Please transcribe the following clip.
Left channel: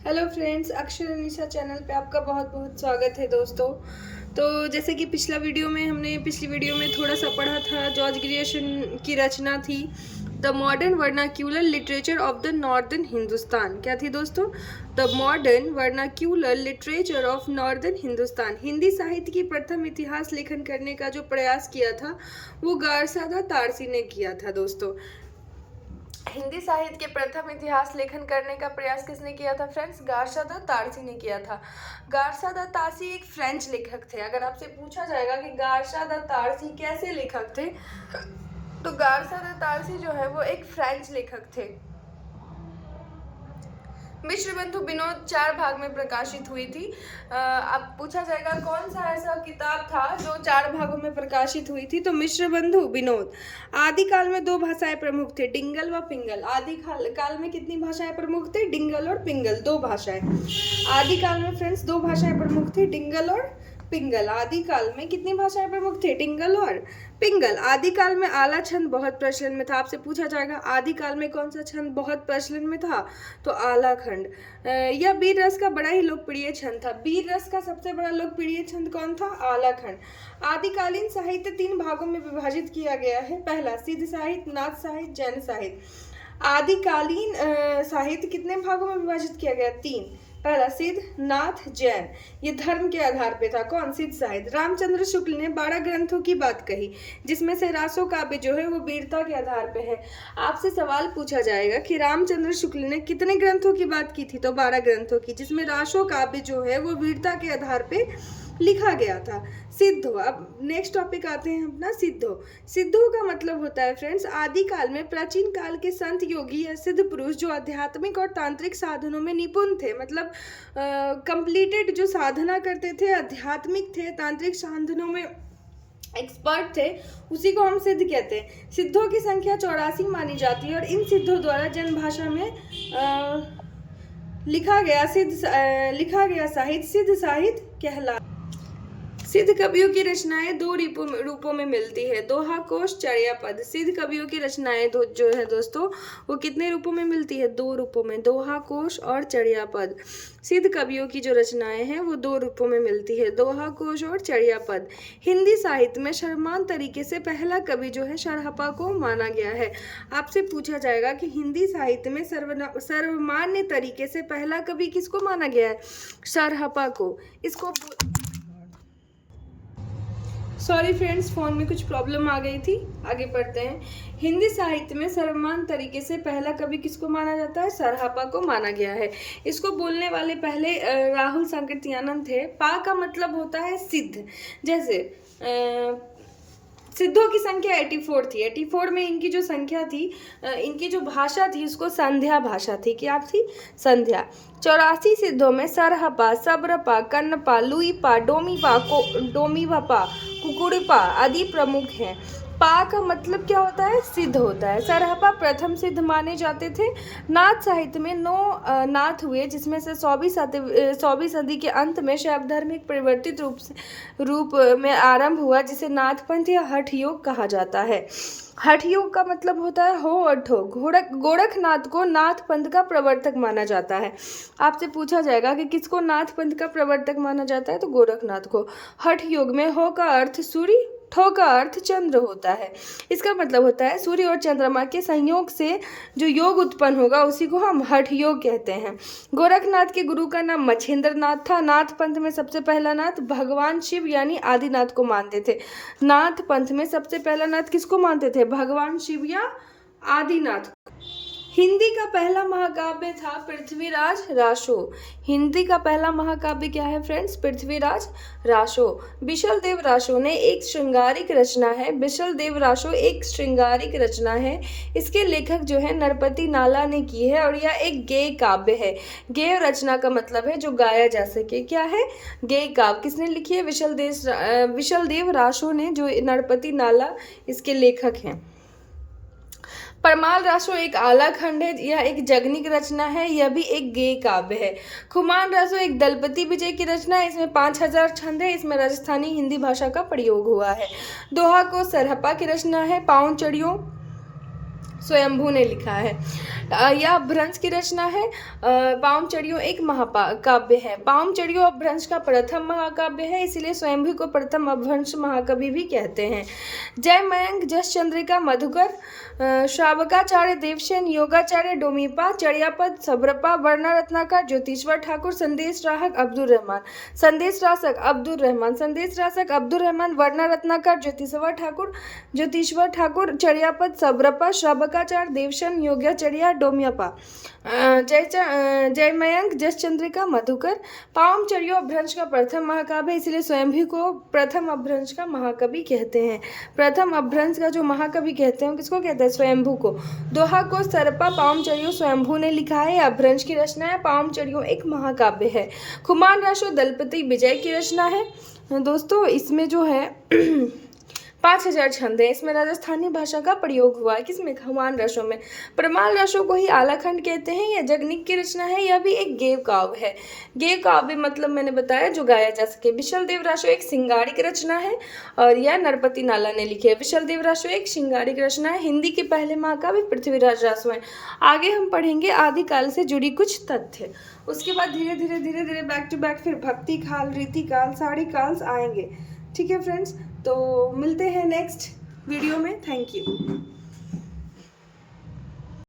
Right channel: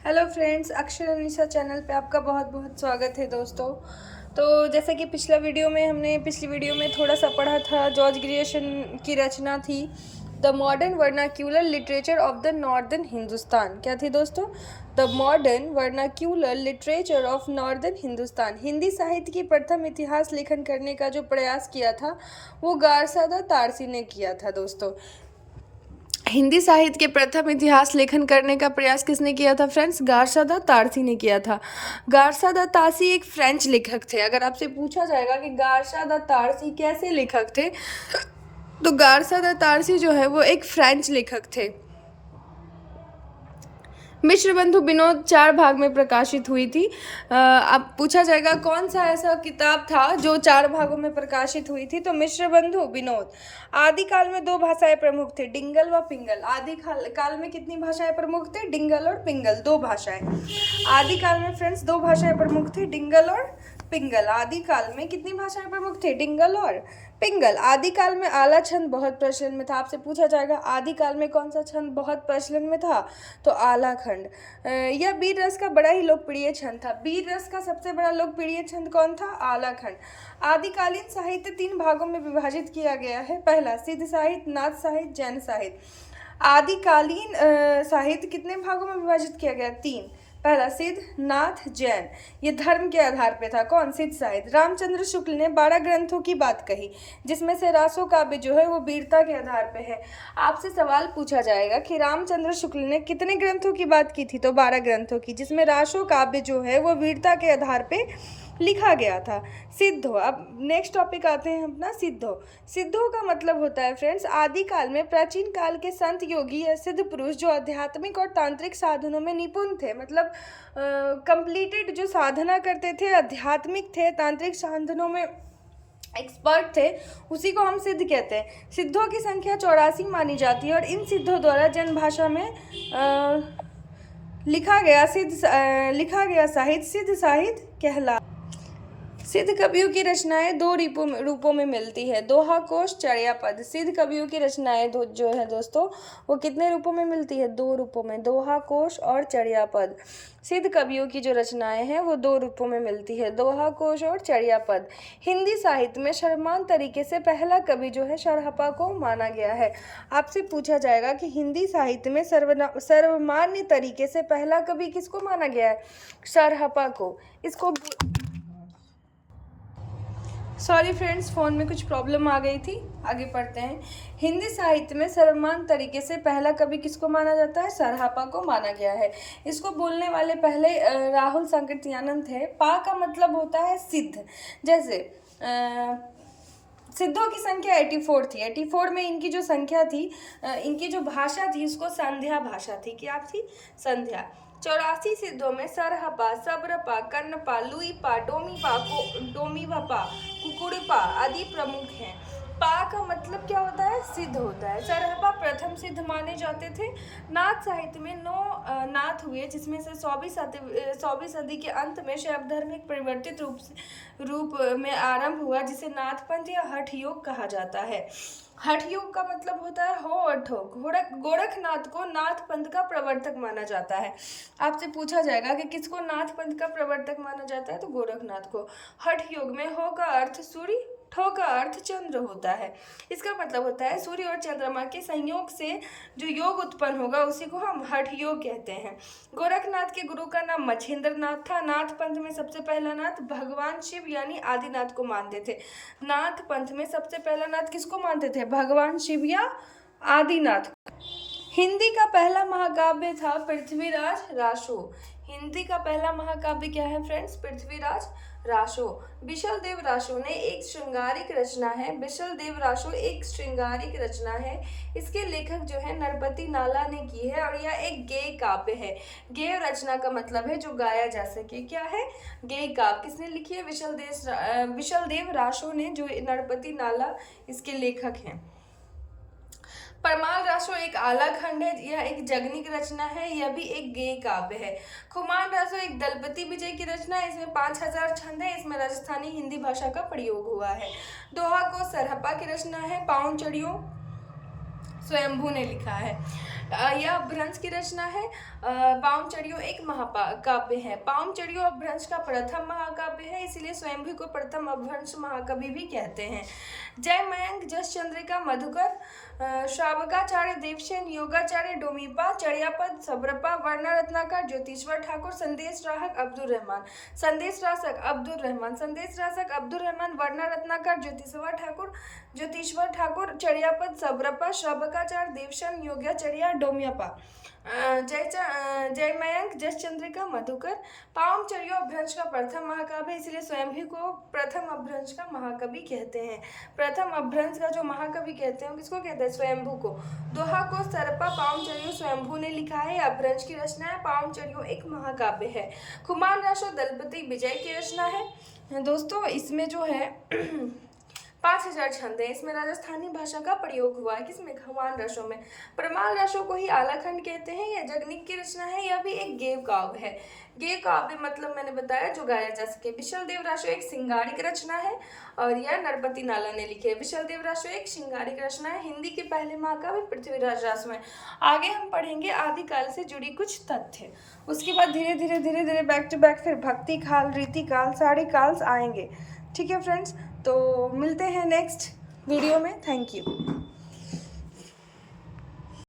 Hello friends, अक्षर Anisha channel पे आपका बहुत बहुत स्वागत है दोस्तों। तो जैसे कि पिछली वीडियो में थोड़ा सा पढ़ा था, जॉर्ज ग्रियर्सन की रचना थी the modern vernacular literature of the northern Hindustan. क्या थी दोस्तों? The modern vernacular literature of northern Hindustan. Hindi साहित्य की प्रथम इतिहास लेखन करने का जो प्रयास किया था वो गारसादा तारसी ने किया था दोस्तों। हिंदी साहित्य के प्रथम इतिहास लेखन करने का प्रयास किसने किया था फ्रेंड्स? गारसादा तारसी ने किया था। गारसादा तारसी एक फ्रेंच लेखक थे। अगर आपसे पूछा जाएगा कि गारसादा तारसी कैसे लेखक थे, तो गारसादा तारसी जो है वो एक फ्रेंच लेखक थे। मिश्र बंधु विनोद 4 भाग में प्रकाशित हुई थी। अब पूछा जाएगा कौन सा ऐसा किताब था जो 4 भागों में प्रकाशित हुई थी, तो मिश्र बंधु विनोद। आदिकाल में 2 भाषाएं प्रमुख थे, डिंगल व पिंगल। आदिकाल में कितनी भाषाएं प्रमुख थे? डिंगल और पिंगल, 2 भाषाएं। आदिकाल में फ्रेंड्स 2 भाषाएं प्रमुख थी, डिंगल और पिंगल। आदिकाल में कितनी भाषाएं प्रमुख थे? डिंगल और पिंगल। आदिकाल में आला छंद बहुत प्रचलन में था। आपसे पूछा जाएगा आदिकाल में कौन सा छंद बहुत प्रचलन में था, तो आला खंड। यह वीर रस का बड़ा ही लोकप्रिय छंद था। वीर रस का सबसे बड़ा लोकप्रिय छंद कौन था? आला खंड। आदिकालीन साहित्य 3 भागों में विभाजित किया गया है। पहला सिद्ध साहित्य, नाथ साहित्य, जैन साहित्य। आदिकालीन साहित्य कितने भागों में विभाजित किया गया? 3। पहला सिद्ध, नाथ, जैन। ये धर्म के आधार पे था। कौन? सिद्ध साहित्य। रामचंद्र शुक्ल ने 12 ग्रंथों की बात कही, जिसमें से रासो काव्य जो है वो वीरता के आधार पे है। आपसे सवाल पूछा जाएगा कि रामचंद्र शुक्ल ने कितने ग्रंथों की बात की थी, तो 12 ग्रंथों की, जिसमें रासो काव्य जो है वो वीरता के आधार पे लिखा गया था। सिद्धो। अब नेक्स्ट टॉपिक आते हैं अपना, सिद्धो। सिद्धो का मतलब होता है फ्रेंड्स, आदिकाल में प्राचीन काल के संत योगी या सिद्ध पुरुष जो आध्यात्मिक और तांत्रिक साधनों में निपुण थे, मतलब कंप्लीटेड जो साधना करते थे, आध्यात्मिक थे, तांत्रिक साधनों में एक्सपर्ट थे, उसी को हम सिद्ध कहते हैं। सिद्धों की संख्या 84 मानी जाती है और इन सिद्धों द्वारा जन भाषा में लिखा गया साहित्य सिद्ध साहित्य कहला। सिद्ध कवियों की रचनाएं 2 रूपों में मिलती है, दोहा, कोश, चर्या पद। सिद्ध कवियों की रचनाएं जो है दोस्तों वो कितने रूपों में मिलती है? 2 रूपों में, दोहा, कोश और चर्या पद। सिद्ध कवियों की जो रचनाएं हैं वो 2 रूपों में मिलती है, दोहा, कोश और चर्या पद। हिंदी साहित्य में सर्वमान्य तरीके से पहला कवि जो है सरहपा को माना गया है। आपसे पूछा जाएगा कि हिंदी साहित्य में सर्वमान्य तरीके से पहला कवि किसको माना गया है? सरहपा को। इसको सॉरी फ्रेंड्स, फ़ोन में कुछ प्रॉब्लम आ गई थी। आगे पढ़ते हैं। हिंदी साहित्य में सर्वमान्य तरीके से पहला कवि किसको माना जाता है? सरहपा को माना गया है। इसको बोलने वाले पहले राहुल सांकृत्यानंद थे। पा का मतलब होता है सिद्ध। जैसे सिद्धों की संख्या 84 थी। 84 में इनकी जो संख्या थी, इनकी जो भाषा थी, इसको संध्या भाषा थी। क्या थी? संध्या। 84 सिद्धों में सरहपा, सब्रपा, कन्नपा, लुईपा, डोमीवपा, कुकुड़पा आदि प्रमुख हैं। पा का मतलब क्या होता है? सिद्ध होता है। सरहपा प्रथम सिद्ध माने जाते थे। नाथ साहित्य में 9 नाथ हुए, जिसमें से 100वीं सदी के अंत में शैव धर्म एक परिवर्तित रूप में आरंभ हुआ, जिसे नाथ पंथ या हठ योग कहा जाता है। हठ योग का मतलब होता है हो और ठो। गोरखनाथ को नाथ पंथ का प्रवर्तक माना जाता है। आपसे पूछा जाएगा कि किसको नाथ पंथ का प्रवर्तक माना जाता है, तो गोरखनाथ को। हठ योग में हो का अर्थ सूर्य, ठो का अर्थ चंद्र होता है। इसका मतलब होता है सूर्य और चंद्रमा के संयोग से जो योग उत्पन्न होगा उसी को हम हठ योग कहते हैं। गोरखनाथ के गुरु का नाम मच्छिंद्र नाथ था। नाथ पंथ में सबसे पहला नाथ भगवान शिव यानी आदिनाथ को मानते थे। नाथ पंथ में सबसे पहला नाथ किसको मानते थे? भगवान शिव या आदिनाथ। हिंदी का पहला महाकाव्य था पृथ्वीराज रासो। हिंदी का पहला महाकाव्य क्या है फ्रेंड्स? पृथ्वीराज रासो। बिशल देव रासो ने एक श्रृंगारिक रचना है। बिशल देव रासो एक श्रृंगारिक रचना है। इसके लेखक जो है नरपति नाला ने की है और यह एक गेय काव्य है। गेय रचना का मतलब है जो गाया जा सके। क्या है? गेय काव्य। किसने लिखी है? विशल देव रासो ने, जो नरपति नाला इसके लेखक हैं। परमाल रासो एक आला खंड है। यह एक जगनिक रचना है। यह भी एक गेय काव्य है। खुमान रासो एक दलपति विजय की रचना है। इसमें 5000 छंद है। इसमें राजस्थानी हिंदी भाषा का प्रयोग हुआ है। दोहा को सरहपा की रचना है। पाउन चढ़ियों स्वयंभू ने लिखा है। यह अपभ्रंश की रचना है। पावमचरियों एक महाकाव्य है। पावमचरियों अपभ्रंश का प्रथम महाकाव्य है, इसीलिए स्वयंभू को प्रथम अपभ्रंश महाकवि भी कहते हैं। जयमयंक, जस चंद्रिका, मधुकर, श्रावकाचार्य, देवसेन, योगाचार्य, डोमीपा, चर्यापद, सब्रपा, वर्णा रत्नाकर, ज्योतिश्वर ठाकुर, संदेश राहक अब्दुल रहमान, संदेश रासक अब्दुल रहमान, संदेश रासक अब्दुल रहमान, वर्णा रत्नाकर, ज्योतिश्वर ठाकुर, चर्यापद, सब्रपा, श्रावकाचार्य, देवसेन, योगाचार्य, डोम्यपा, जयमयंक, जस चंद्रिका, मधुकर। पावमचरियों अपभ्रंश का प्रथम महाकाव्य, इसलिए स्वयंभू को प्रथम अपभ्रंश का महाकवि कहते हैं। प्रथम अपभ्रंश का जो महाकवि कहते हैं किसको कहते हैं? स्वयंभू को। दोहा को सरपा पावमचरियों स्वयंभू ने लिखा है। अपभ्रंश की रचना है। पावमचरियों एक महाकाव्य है। खुमान राशो दलपति विजय की रचना है। दोस्तों इसमें जो है 5000 छंद है। इसमें राजस्थानी भाषा का प्रयोग हुआ है। किसमें? खुमान राशों में। प्रमाण राशों को ही आलाखंड कहते हैं। यह जगनिक की रचना है। यह भी एक गेय काव्य है। गेय काव्य मतलब मैंने बताया जो गाया जा सके। विशल देव राशो एक श्रृंगारिक रचना है और यह नरपति नाला ने लिखी है। विशल देव राशो एक श्रृंगारिक रचना है। हिंदी के पहले महाकाव्य पृथ्वीराज रासो है। आगे हम पढ़ेंगे आदिकाल से जुड़ी कुछ तथ्य। उसके बाद धीरे धीरे बैक टू बैक फिर भक्ति काल, रीति काल, सारी काल्स आएंगे। ठीक है फ्रेंड्स, तो मिलते हैं नेक्स्ट वीडियो में। Thank you.